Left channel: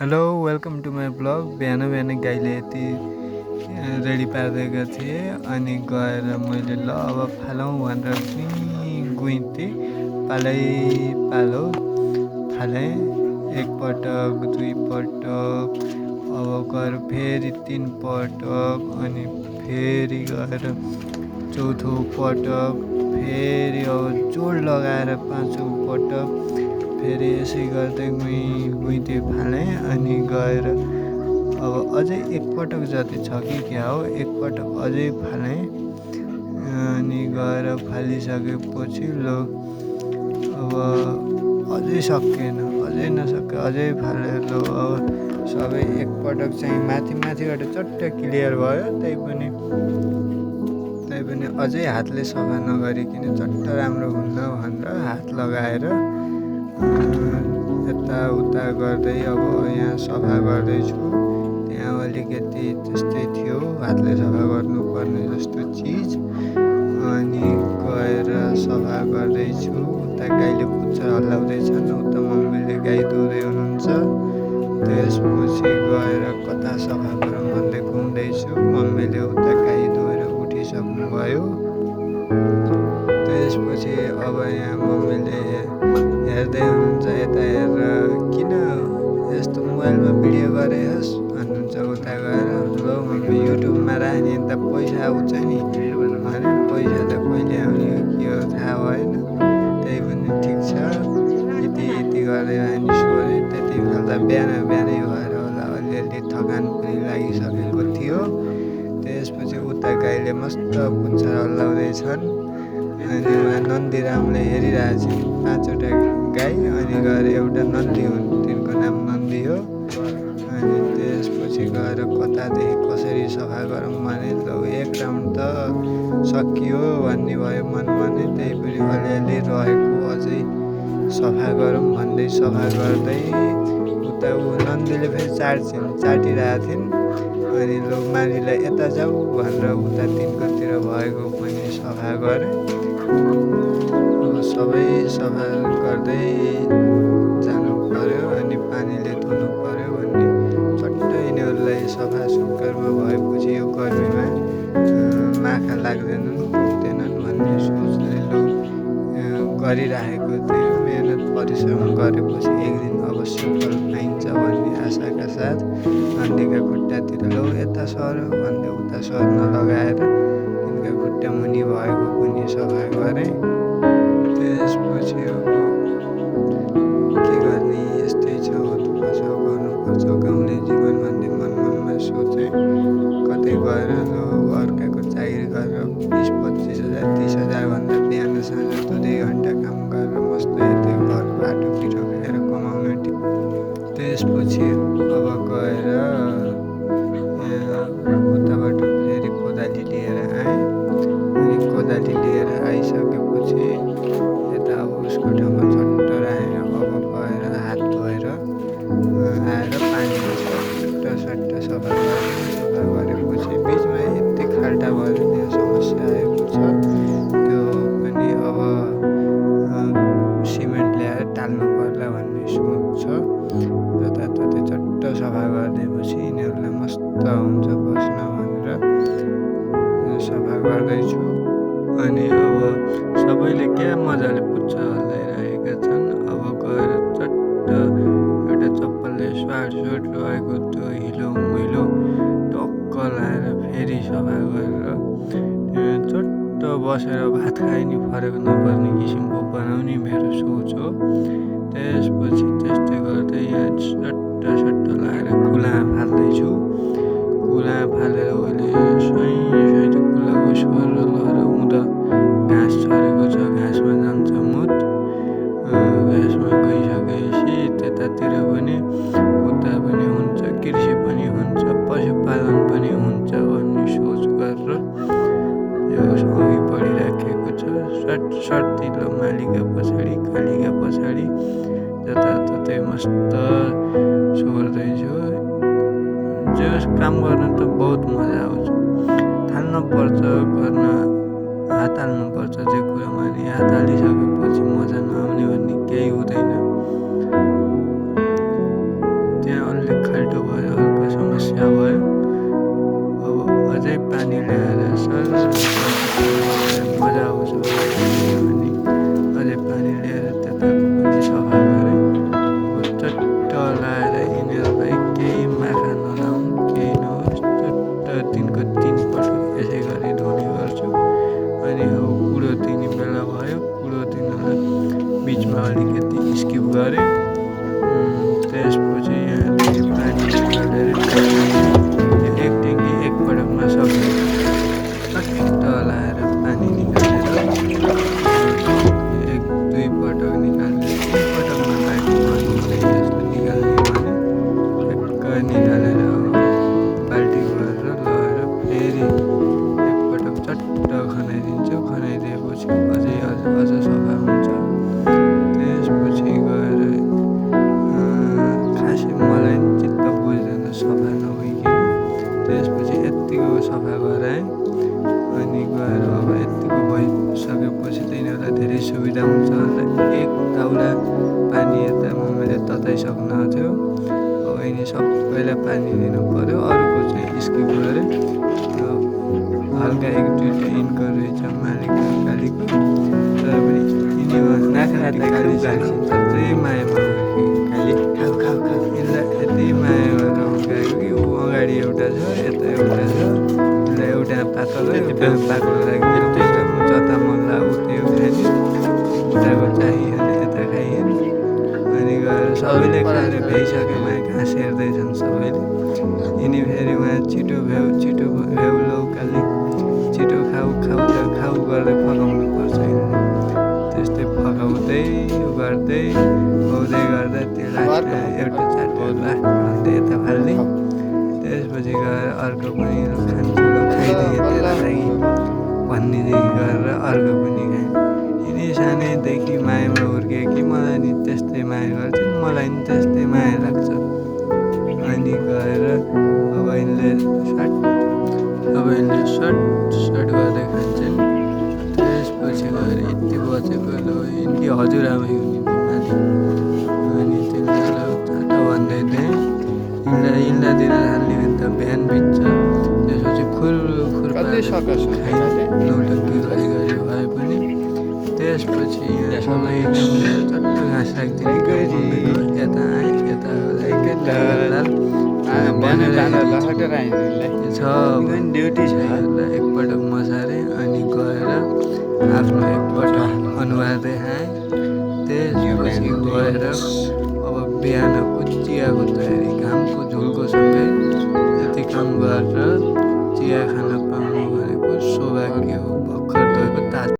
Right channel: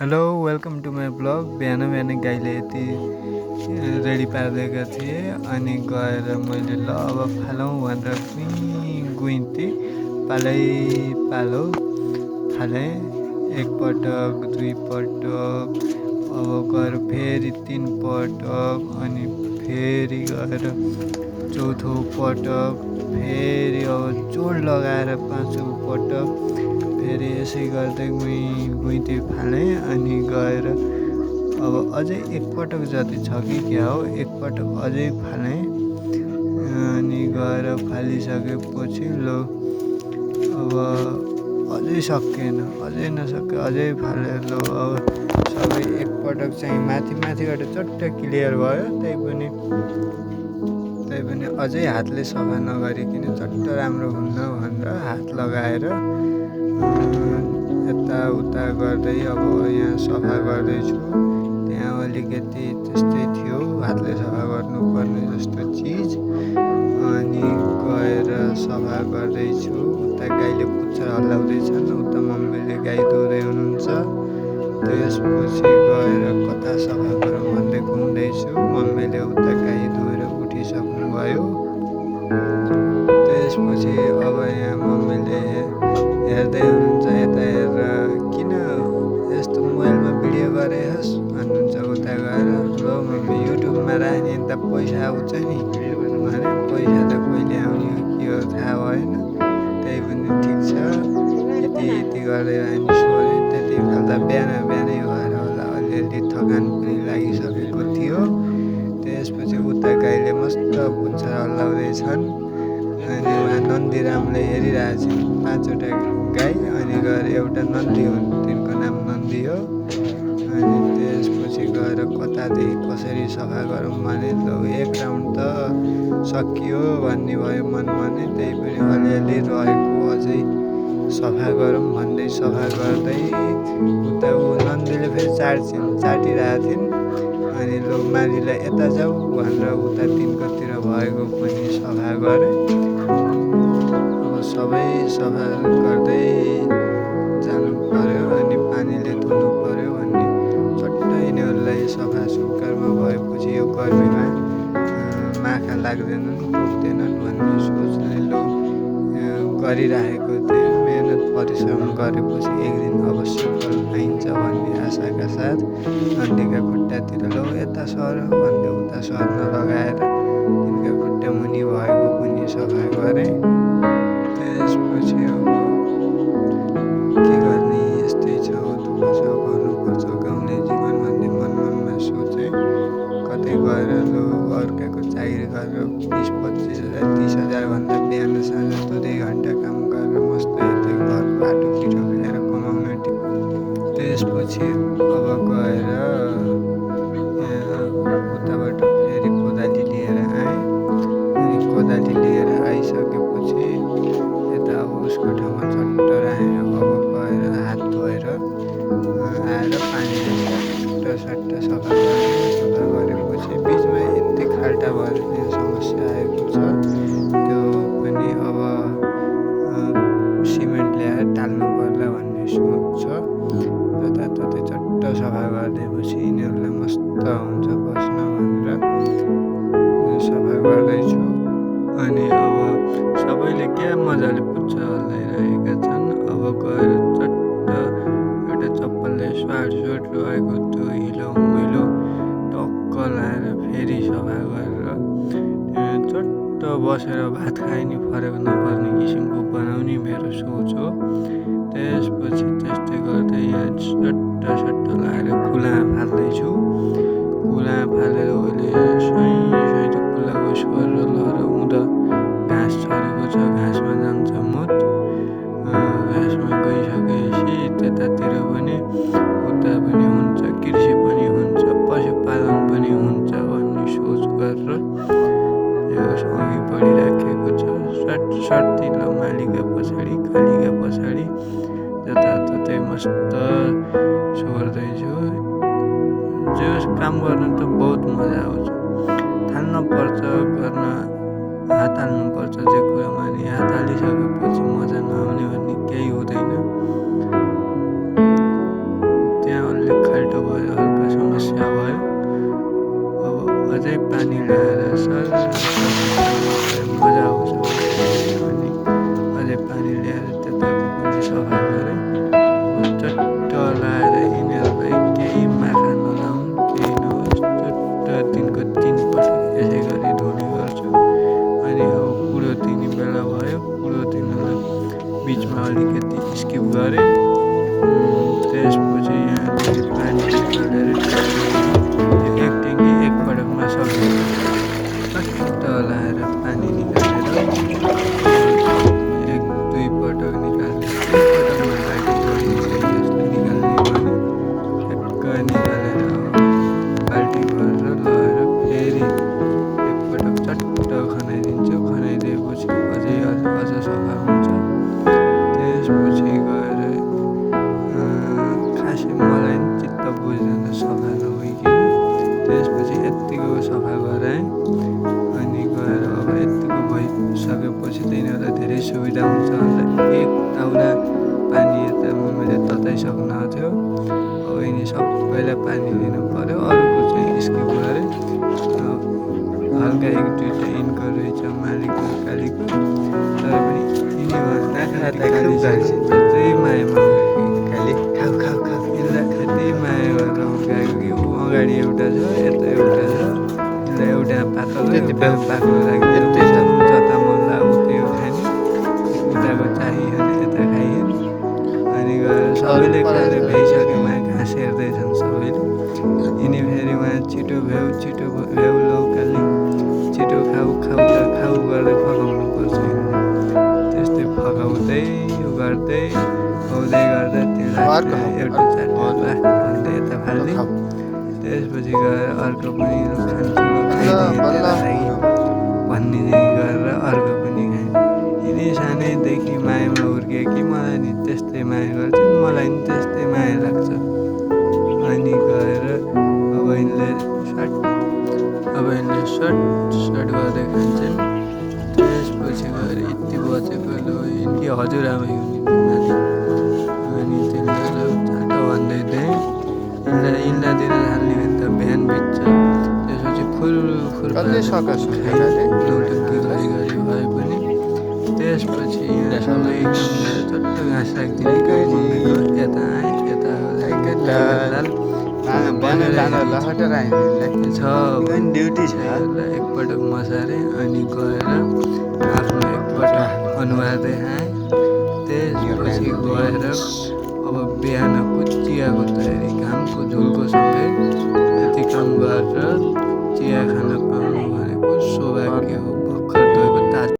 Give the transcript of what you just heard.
Hello welcome to my blog. बिहान बिहान गाईले यति रेडी पारिदिएका थिएँ अनि गएर मैले ल अब फालौँ भनेर गुइँथेँ। पालै पालो फालेँ, एकपटक दुईपटक, अब गएर फेरि तिन पटक अनि फेरि गएर चौथो पटक, फेरि अब जोड लगाएर पाँचौँ पटक, फेरि यसै गर्दै गुइँथेँ फालेँ अनि गएर अब अझै एकपटक जति छ कि क्या हो, एकपटक अझै फालेँ अनि गएर फालिसकेपछि लो अब अझै सकिएन, अझै नसके अझै फाले लो अब सबै एकपटक चाहिँ माथिबाट चट्ट क्लियर भयो। तैपनि अझै हातले सफा नगरिकन चट्ट राम्रो हुन्न भनेर हात लगाएर यताउता गर्दै अब यहाँ सफा गर्दैछु। त्यहाँ अलिकति त्यस्तै थियो हातले सफा गर्नुपर्ने जस्तो चिज, अनि गएर सफा गर्दैछु। उता गाईले पुच्छर हल्लाउँदैछन्, उता मम्मीले गाई दुहुँदै हुनुहुन्छ। त्यसपछि गएर कता सफा गरौँ भन्दै घुम्दैछु। मम्मीले उता गाई दुहेर उठिसक्नुभयो। त्यसपछि अब यहाँ मम्मीले हेर्दै हुनुहुन्छ, यता हेरेर किन यस्तो मोबाइलमा भिडियो गरेस् भन्नुहुन्छ। उता गएर ल मम्मी युट्युबमा राख्ने त पैसा आउँछ नि भने, पैसा त कहिले आउने हो के हो थाहा भएन। त्यही पनि ठिक छ, यति गर्दै हामी सोधेँ। त्यति खाल्दा बिहानै भएर होला, अलिअलि थकान पनि लागिसकेको थियो। त्यसपछि उता गाईले मस्त पुच्छर हल्लाउँदैछन् अनि उहाँ नन्दीरामले हेरिरहेछन्। 5वटा गाई अनि गएर एउटा नन्दी हुन्, तिनको नाम नन्दी हो। अनि त्यसपछि गएर कतादेखि कसरी सफा गरौँ भने ल एक राउन्ड त सकियो भन्ने भयो मनमा नै। त्यही पनि अलिअलि रहेको अझै सफा गरौँ भन्दै सफा गर्दै उता नन्दीले फेरि चाटिरहेको थिइन्। अनि लो मालीलाई यता जाऊ भनेर उता तिनकोतिर भएको पनि सफा गरेँ। अब सबै सफा गर्दै जानु पर्यो अनि पानीले धुनु पर्यो भन्ने चट्ट यिनीहरूलाई सफा सुग्घरमा भएपछि यो गर्मीमा माखा लाग्दैनन्, टोक्दैनन् भन्ने सोचले लो गरिराखेको थिएँ। मेहनत परिश्रम गरेपछि एक दिन अवश्य फल पाइन्छ भन्ने आशाका साथ नन्दीका खुट्टातिर लो यता सर भन्दै उता सर्न लगाएर तिनका खुट्टा मुनि भएको पनि सफा गरेँ। त्यसपछि अब के गर्ने, यस्तै छ, दुःख छ, गर्नुपर्छ गाउँले जीवन भन्ने मनमा सोचेँ। कतै गएर लो अर्काको चाकरी गरेर 20-25 हजार 30 हजार भन्दा बिहान साँझ 2 घन्टा काम गरेर मस्त यतै घरको आटो पिठो खाएर कमाउन। त्यसपछि अब गएर उताबाट फेरि कोदाली लिएर आएँ। अनि कोदाली लिएर आइसकेपछि यता अब उसको ठाउँमा चट्ट राखेँ। अब गएर हात धोएर आएर पानीले सट्ट सफा गरिदिउँ। सफा गरेपछि बिचमा यति खाल्टा भइदिने समस्या आएको छ, त्यो पनि अब सिमेन्ट ल्याएर टाल्नु पर्ला भन्ने सोच छ। जताततै चट्ट सफा गरिदिएपछि यिनीहरूलाई मस्त हुन्छ बस्न भनेर सफा गर्दैछु। अनि अब सबैले क्या मजाले पुच्छर हल्लाइरहेका छन्। अब गएर चट्ट एउटा चप्पलले स्वाट रहेको त्यो हिलो मैलो टक्क लाएर फेरि सफा गरेर चट्ट बसेर भात खाइ नि फरक नपर्ने किसिमको बनाउने मेरो सोच हो। त्यसपछि त्यस्तै गर्दै यहाँ सट्ट लाएर कुला फाल्दैछु। कुला फालेर अहिले सही कुलाको स्वर लहर हुँदा घाँस छरेको छ, घाँसमा जान्छ मुत। घाँसमा गइसकेपछि त्यतातिर पनि उता पनि हुन्छ, कृषि पनि हुन्छ, पशुपालन पनि हुन्छ भन्ने सोच गरेर यो अघि बढिराखेको छ। सट्टिलो मालीका पछाडि कालीका पछाडि जताततै मस्त सोर्दैछु। जो काम गर्न त बहुत मजा आउँछ, थाल्नुपर्छ गर्न, हात हाल्नुपर्छ जे कुरामा। अनि हात हालिसकेपछि मजा नआउने भन्ने केही हुँदैन। त्यहाँ अलि खाल्टो भयो, हल्का समस्या भयो। अब अझै पानी ल्याएर मजा आउँछ अनि अझै पानी ल्याएर त्यताको पनि सफा गरेँ। अब चट्ट लाएर यिनीहरूलाई केही माखा नलाउन्, केही नहोस्, चट्ट दिनको 3 पटक यसै गरी धुने गर्छु। अनि अब कुडो दिने बेला भयो, कुडो दिनलाई बिचमा अलिकति स्किप गरेँ। त्यसपछि यहाँदेखि पानी निकालेर यो एक ट्याङ्की एकपटकमा सकिन्छ। चट्ट लाएर पानी निकालेर 1-2 पटक निकालेर 3 पटकमा बाल्टी भइन्छ यसले निकाल्ने भने ठ्याक्क निकालेर बाल्टी भरेर लगेर फेरि एकपटक चट्ट खनाइदिन्छु। खनाइदिएपछि अझ सफा हुन्छ। त्यसपछि गएर खासै मलाई नि चित्त बुझ्दैन सफा नभइकन। त्यसपछि यत्तिको सफा गराएँ। अनि गएर अब यत्तिको भइसकेपछि त यिनीहरूलाई धेरै सुविधा हुन्छ भनेर एक ताउला पानी यता मम्मीले तताइसक्नु थियो। अब यिनी सबैलाई पानी दिनु पर्यो, अरूको चाहिँ स्किप गरेँ। हल्का 1-2टा यिनको रहेछ मालिकको कालीको, तर पनि यिनीमा यत्रै मायामा खालि खाऊ यिनलाई यति माया गरेर हुर्काएको कि ऊ अगाडि एउटा छ, यता एउटा छ। यिनलाई एउटा पातलो बाक्लो राखिदिनु पर्छ। जता मन लाग्यो उतै खाने, उताको चाहियो यता खाइन्। अनि गएर सबैले खाएर भ्याइसक्यो, उहाँ घाँस हेर्दैछन् सबैले। यिनी फेरि उहाँ छिटो भ्याउ लौकाली छिटो खाऊ गर्दै फकाउनु पर्छ यिनले। त्यस्तै फकाउँदै गर्दै गर्दा त्यो एउटा चाटेर भन्दै यता फाल्ने। त्यसपछि गएर अर्को पनि खान्छु ल खाइदिएँ तेरो लागि भन्ने गरेर अर्को पनि खाएँ। यिनी सानैदेखि मायामा हुर्के कि मलाई नि त्यस्तै माया गर्छ, मलाई नि त्यस्तै माया लाग्छ। अनि गएर अब यिनले सट गर्दै खान्छन्। त्यसपछि गएर यति बचेको ल यिनकी हजुरआमै हुनुहुन्थ्यो माथि। अनि त्यसलाई चाटो भन्दै दिएँ। यिनलाई दिन थाल्ने भने त बिहान बित्छ। त्यसपछि फुल खाइ नौटङ्की गरी भए पनि। त्यसपछि यहाँ सबै कमलेर चट्ट घाँस राखिदिने काम मम्मीको। यता आएँ, यता ड्युटी छ एकपटक मसारेँ। अनि गएर आफ्नो एकपटक अनुहार देखाएँ। त्यसपछि गएर अब बिहानको चियाको तयारी, घामको झुल्को सँगै यति काम गरेर चिया खान पाउनु भनेको सौभाग्य हो। भर्खर धोएको ताजा